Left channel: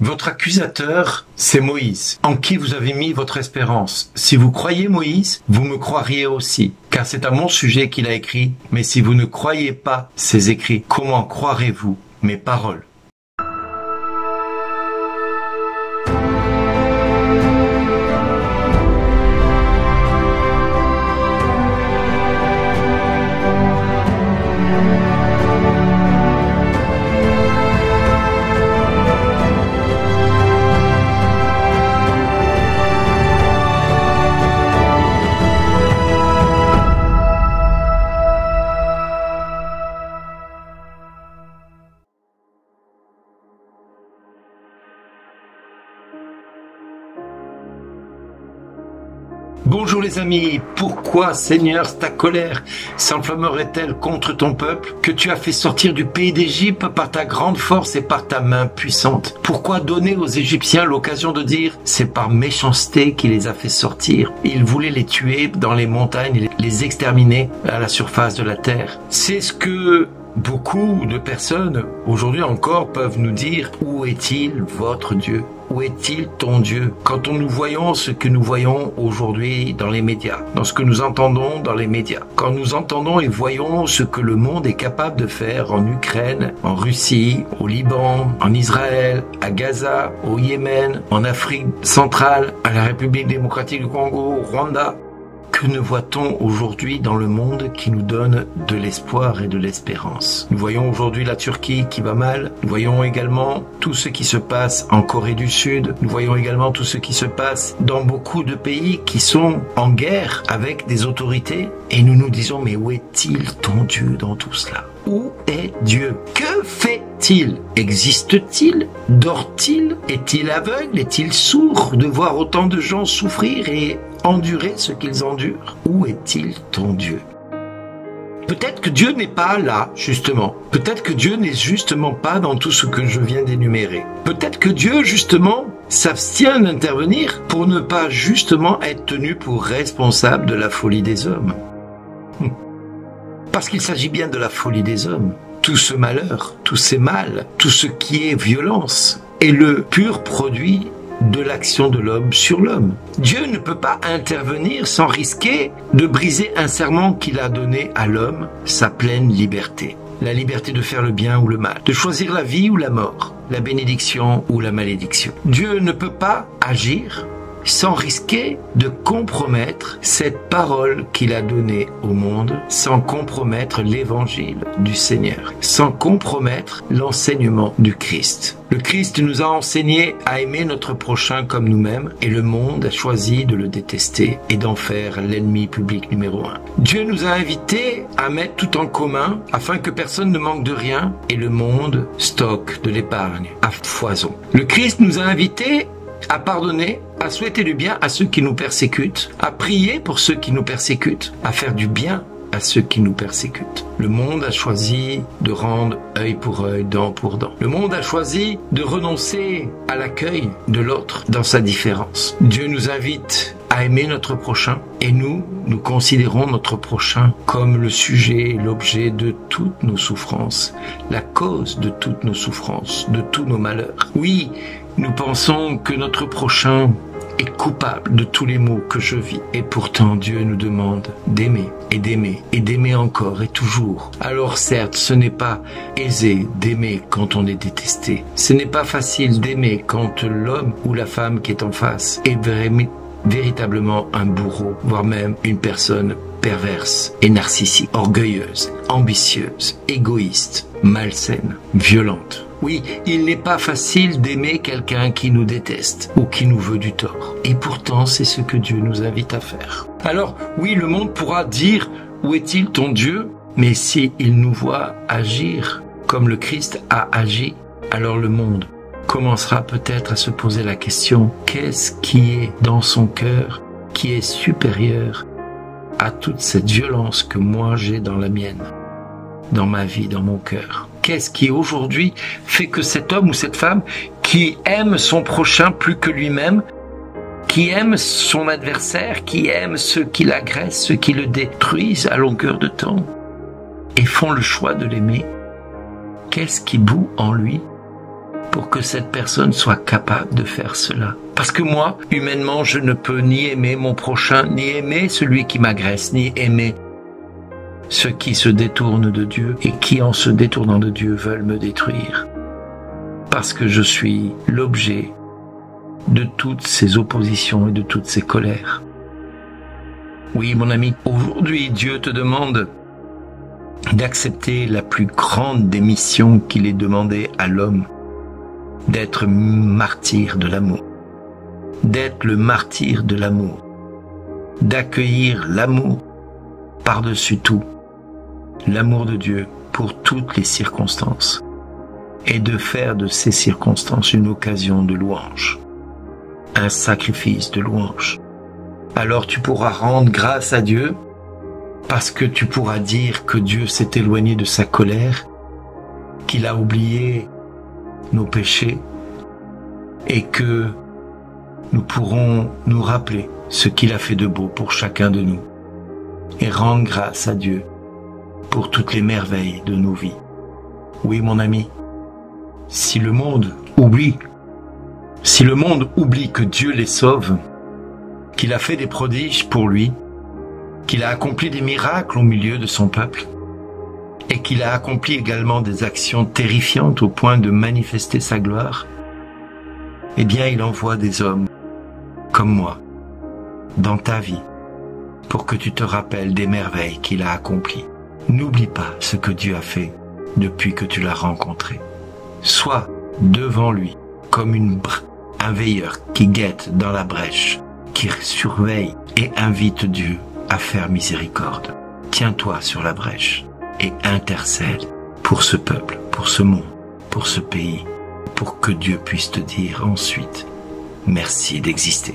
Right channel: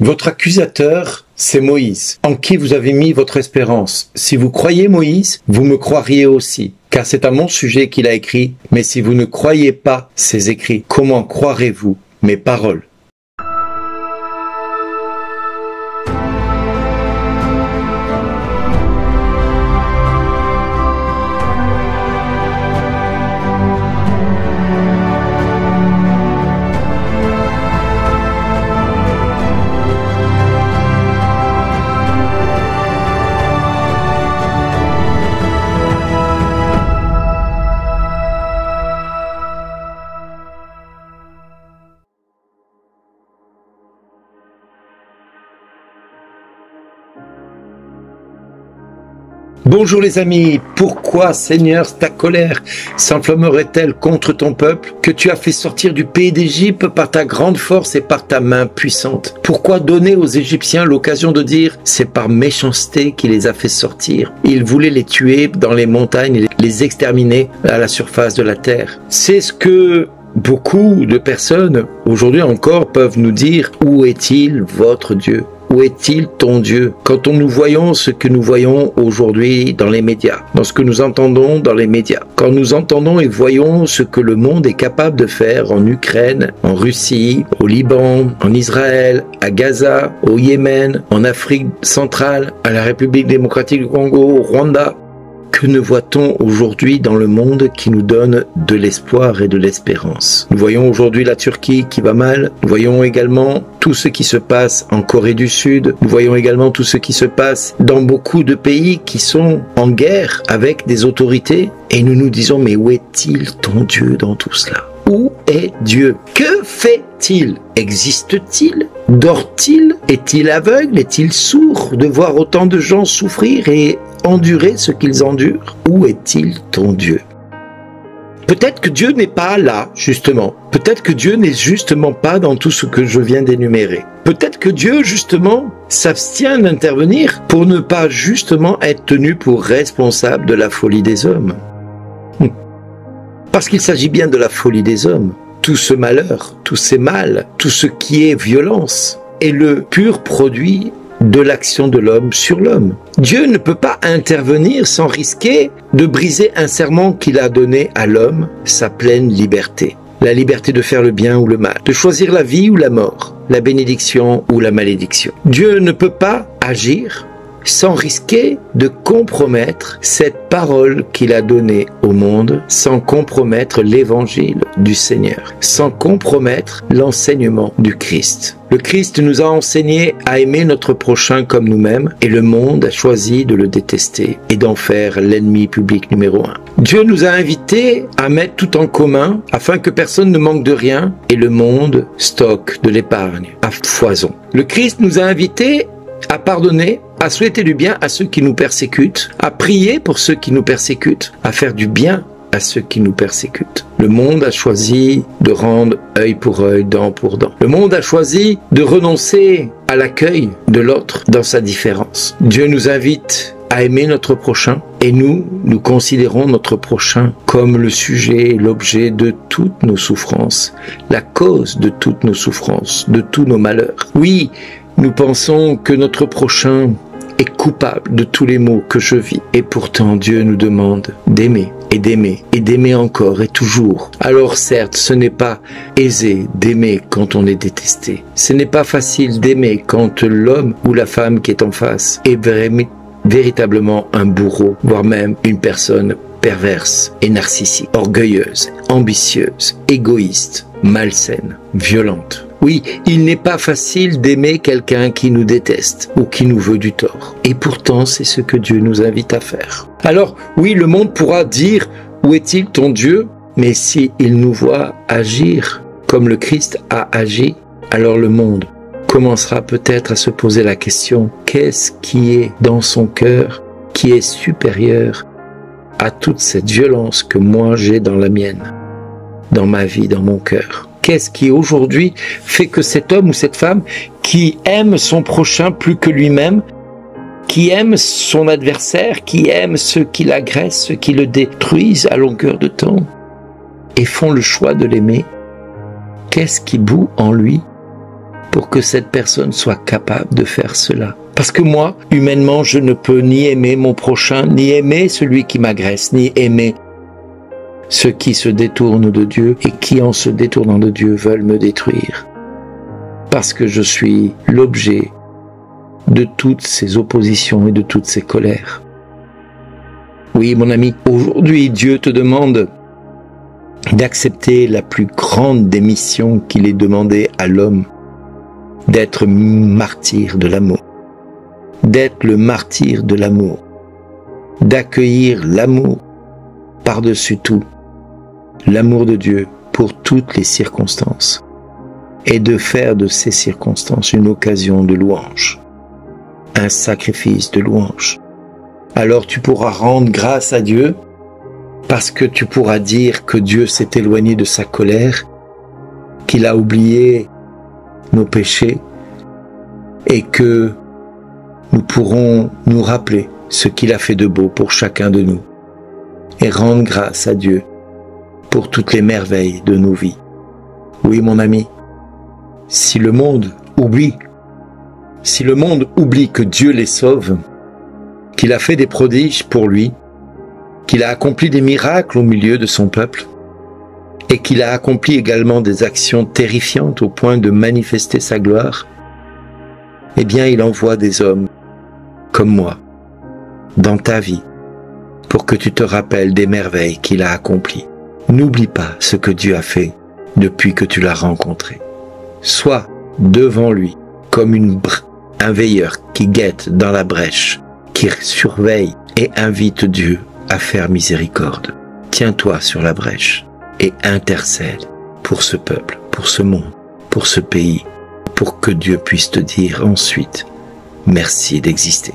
Votre accusateur, c'est Moïse, en qui vous avez mis votre espérance. Si vous croyez Moïse, vous me croiriez aussi, car c'est à mon sujet qu'il a écrit. Mais si vous ne croyez pas ses écrits, comment croirez-vous mes paroles ? Bonjour les amis, pourquoi Seigneur ta colère s'enflammerait-elle contre ton peuple que tu as fait sortir du pays d'Égypte par ta grande force et par ta main puissante? Pourquoi donner aux Égyptiens l'occasion de dire c'est par méchanceté qu'il les a fait sortir? Il voulait les tuer dans les montagnes et les exterminer à la surface de la terre. C'est ce que beaucoup de personnes aujourd'hui encore peuvent nous dire. Où est-il votre Dieu? Où est-il ton Dieu? Quand nous voyons ce que nous voyons aujourd'hui dans les médias, dans ce que nous entendons dans les médias, quand nous entendons et voyons ce que le monde est capable de faire en Ukraine, en Russie, au Liban, en Israël, à Gaza, au Yémen, en Afrique centrale, à la République démocratique du Congo, au Rwanda, que ne voit-on aujourd'hui dans le monde qui nous donne de l'espoir et de l'espérance? Nous voyons aujourd'hui la Turquie qui va mal. Nous voyons également tout ce qui se passe en Corée du Sud. Nous voyons également tout ce qui se passe dans beaucoup de pays qui sont en guerre avec des autorités. Et nous nous disons, mais où est-il ton Dieu dans tout cela? Où est Dieu? Que fait-il? Existe-t-il? Dort-il? Est-il aveugle? Est-il sourd de voir autant de gens souffrir et endurer ce qu'ils endurent? Où est-il ton Dieu? Peut-être que Dieu n'est pas là, justement. Peut-être que Dieu n'est justement pas dans tout ce que je viens d'énumérer. Peut-être que Dieu, justement, s'abstient d'intervenir pour ne pas justement être tenu pour responsable de la folie des hommes. Parce qu'il s'agit bien de la folie des hommes. Tout ce malheur, tous ces mâles, tout ce qui est violence est le pur produit de l'action de l'homme sur l'homme. Dieu ne peut pas intervenir sans risquer de briser un serment qu'il a donné à l'homme, sa pleine liberté. La liberté de faire le bien ou le mal, de choisir la vie ou la mort, la bénédiction ou la malédiction. Dieu ne peut pas agir sans risquer de compromettre cette parole qu'il a donnée au monde, sans compromettre l'évangile du Seigneur, sans compromettre l'enseignement du Christ. Le Christ nous a enseigné à aimer notre prochain comme nous-mêmes et le monde a choisi de le détester et d'en faire l'ennemi public numéro 1. Dieu nous a invités à mettre tout en commun afin que personne ne manque de rien et le monde stocke de l'épargne à foison. Le Christ nous a invités à pardonner, à souhaiter du bien à ceux qui nous persécutent, à prier pour ceux qui nous persécutent, à faire du bien à ceux qui nous persécutent. Le monde a choisi de rendre œil pour œil, dent pour dent. Le monde a choisi de renoncer à l'accueil de l'autre dans sa différence. Dieu nous invite à aimer notre prochain et nous considérons notre prochain comme le sujet et l'objet de toutes nos souffrances, la cause de toutes nos souffrances, de tous nos malheurs. Oui, nous pensons que notre prochain est coupable de tous les maux que je vis. Et pourtant, Dieu nous demande d'aimer et d'aimer et d'aimer encore et toujours. Alors certes, ce n'est pas aisé d'aimer quand on est détesté. Ce n'est pas facile d'aimer quand l'homme ou la femme qui est en face est véritablement un bourreau, voire même une personne perverse et narcissique, orgueilleuse, ambitieuse, égoïste, malsaine, violente. Oui, il n'est pas facile d'aimer quelqu'un qui nous déteste ou qui nous veut du tort. Et pourtant, c'est ce que Dieu nous invite à faire. Alors, oui, le monde pourra dire « Où est-il ton Dieu ?» Mais si il nous voit agir comme le Christ a agi, alors le monde commencera peut-être à se poser la question « Qu'est-ce qui est dans son cœur qui est supérieur à toute cette violence que moi j'ai dans la mienne, dans ma vie, dans mon cœur ?» Qu'est-ce qui aujourd'hui fait que cet homme ou cette femme qui aime son prochain plus que lui-même, qui aime son adversaire, qui aime ceux qui l'agressent, ceux qui le détruisent à longueur de temps, et font le choix de l'aimer, qu'est-ce qui bout en lui pour que cette personne soit capable de faire cela. Parce que moi, humainement, je ne peux ni aimer mon prochain, ni aimer celui qui m'agresse, ni aimer ceux qui se détournent de Dieu et qui, en se détournant de Dieu, veulent me détruire. Parce que je suis l'objet de toutes ces oppositions et de toutes ces colères. Oui, mon ami, aujourd'hui, Dieu te demande d'accepter la plus grande des missions qu'il ait demandé à l'homme, d'être martyr de l'amour, d'être le martyr de l'amour, d'accueillir l'amour par-dessus tout, l'amour de Dieu pour toutes les circonstances, et de faire de ces circonstances une occasion de louange, un sacrifice de louange. Alors tu pourras rendre grâce à Dieu, parce que tu pourras dire que Dieu s'est éloigné de sa colère, qu'il a oublié nos péchés, et que nous pourrons nous rappeler ce qu'il a fait de beau pour chacun de nous, et rendre grâce à Dieu pour toutes les merveilles de nos vies. Oui, mon ami, si le monde oublie que Dieu les sauve, qu'il a fait des prodiges pour lui, qu'il a accompli des miracles au milieu de son peuple, et qu'il a accompli également des actions terrifiantes au point de manifester sa gloire, eh bien il envoie des hommes comme moi dans ta vie pour que tu te rappelles des merveilles qu'il a accomplies. N'oublie pas ce que Dieu a fait depuis que tu l'as rencontré. Sois devant lui comme un veilleur qui guette dans la brèche, qui surveille et invite Dieu à faire miséricorde. Tiens-toi sur la brèche et intercède pour ce peuple, pour ce monde, pour ce pays, pour que Dieu puisse te dire ensuite merci d'exister.